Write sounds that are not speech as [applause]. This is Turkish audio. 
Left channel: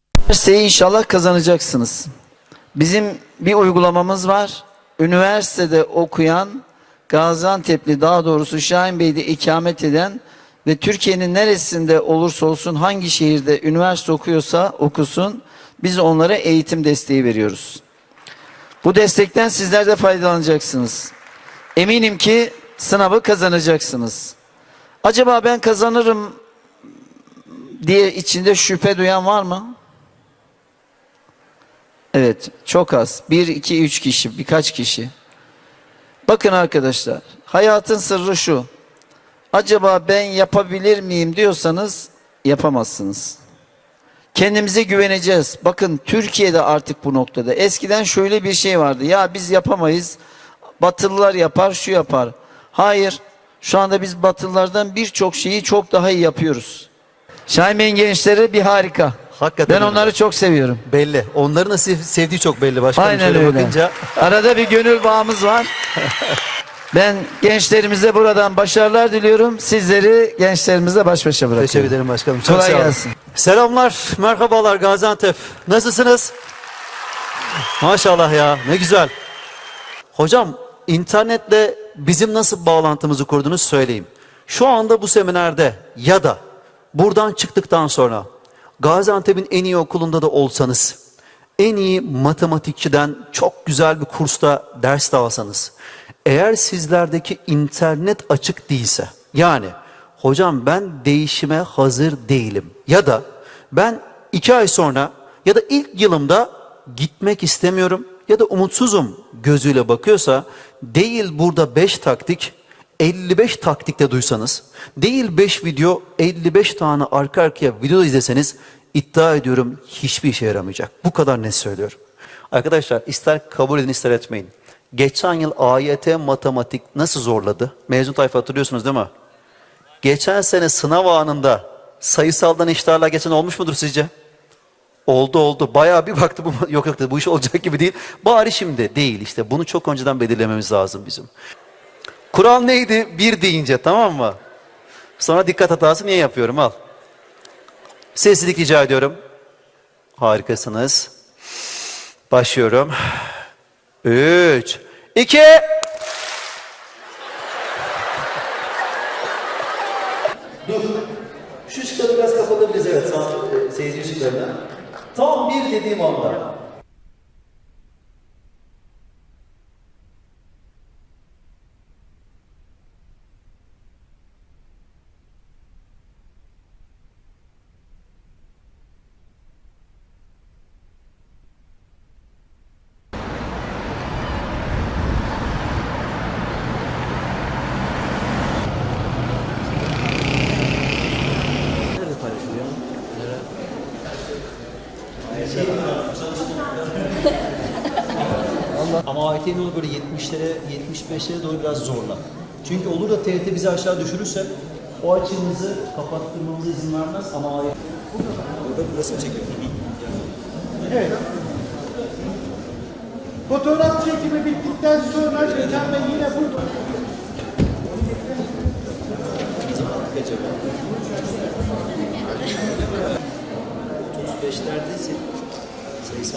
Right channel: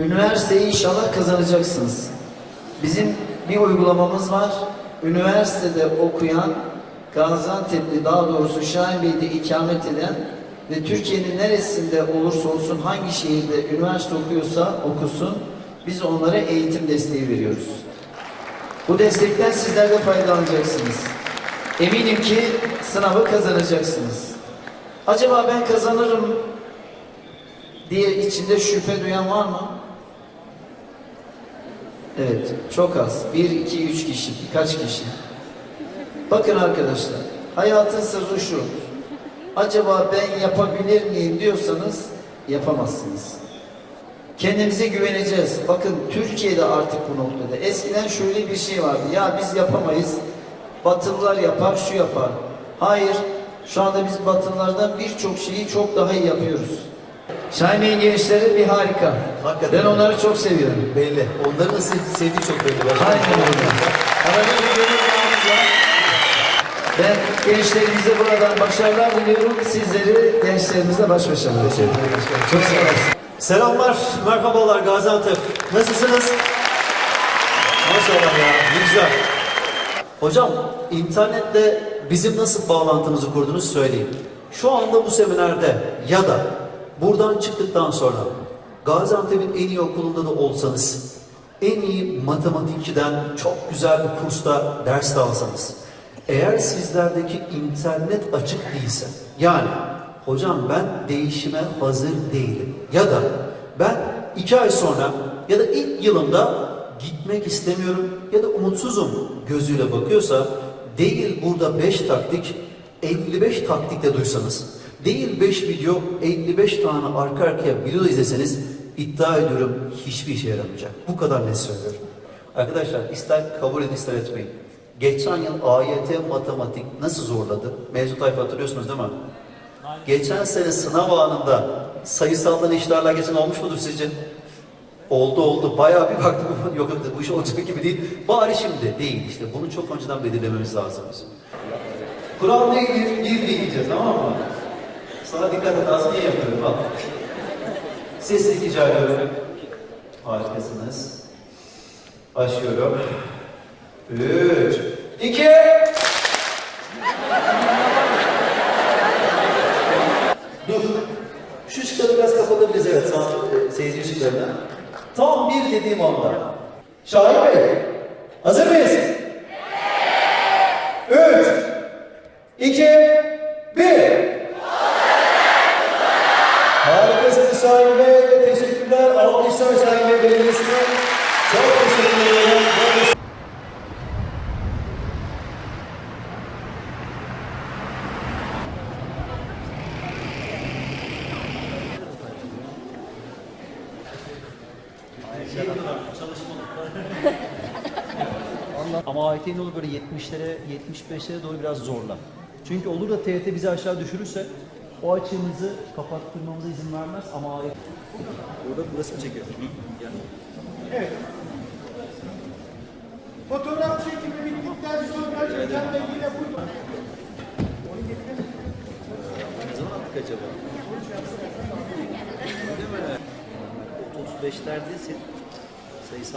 Üniversiteyi inşallah kazanacaksınız. Bizim bir uygulamamız var. Üniversitede okuyan Gaziantep'li daha doğrusu Şahin Bey'de ikamet eden ve Türkiye'nin neresinde olursa olsun hangi şehirde üniversite okuyorsa okusun biz onlara eğitim desteği veriyoruz. Bu destekten sizler de faydalanacaksınız. Eminim ki sınavı kazanacaksınız. Acaba ben kazanırım diye içinde şüphe duyan var mı? Evet, çok az. Bir, iki, üç kişi, birkaç kişi. Bakın arkadaşlar, hayatın sırrı şu. Acaba ben yapabilir miyim diyorsanız yapamazsınız. Kendimize güveneceğiz. Bakın Türkiye'de artık bu noktada. Eskiden şöyle bir şey vardı. Ya biz yapamayız. Batılılar yapar, şu yapar. Hayır. Şu anda biz Batılılardan birçok şeyi çok daha iyi yapıyoruz. Şahin Bey'in gençleri bir harika. Hakikaten Ben onları çok seviyorum. Belli. Onların da sev- sevdiği çok belli. Başkanım. Aynen Şöyle öyle. bakınca- Arada bir gönül bağımız var. Ben gençlerimize buradan başarılar diliyorum. Sizleri gençlerimize baş başa Teşekkür bırakıyorum. ederim başkanım. Çok Kolay sağ olun. gelsin. Selamlar, merhabalar Gaziantep. Nasılsınız? Maşallah ya, ne güzel. Hocam, internetle bizim nasıl bağlantımızı kurdunuz söyleyin. Şu anda bu seminerde ya da buradan çıktıktan sonra Gaziantep'in en iyi okulunda da olsanız, en iyi matematikçiden çok güzel bir kursta ders de alsanız, eğer sizlerdeki internet açık değilse, yani hocam ben değişime hazır değilim ya da ben iki ay sonra ya da ilk yılımda gitmek istemiyorum ya da umutsuzum gözüyle bakıyorsa değil burada 5 taktik 55 taktikte duysanız değil 5 video 55 tane arka arkaya video izleseniz iddia ediyorum hiçbir işe yaramayacak. Bu kadar net söylüyorum. Arkadaşlar ister kabul edin ister etmeyin. Geçen yıl AYT matematik nasıl zorladı? Mevzu tayfa hatırlıyorsunuz değil mi? Geçen sene sınav anında sayısaldan işlerle geçen olmuş mudur sizce? Oldu oldu. Bayağı bir baktım ama [laughs] yok yok dedi, bu iş olacak gibi değil. Bari şimdi değil işte. Bunu çok önceden belirlememiz lazım bizim. Kural neydi? Bir deyince tamam mı? Sonra dikkat hatası niye yapıyorum al. Sessizlik rica ediyorum. Harikasınız. Başlıyorum. Üç, iki, Dur. Şu ışıkları biraz kapatabiliriz evet sağ e, seyirci ışıklarını. Tam bir dediğim anda. Şahin Bey, hazır mıyız? Üç, iki, bir. Şahin Bey ve teşekkürler. Alkışlar Şahin Belediyesi'ne. Çok teşekkür ederim. [laughs] Ama AYT'nin olur böyle 70'lere, 75'lere doğru biraz zorla. Çünkü olur da TRT bizi aşağı düşürürse o açığımızı kapattırmamıza izin vermez ama. Burada burası mı çekiyor? Evet. Fotoğraf çekimi bittikten sonra Can Bey yine burada. Ne zaman attık acaba? 35'lerdeyse sayısal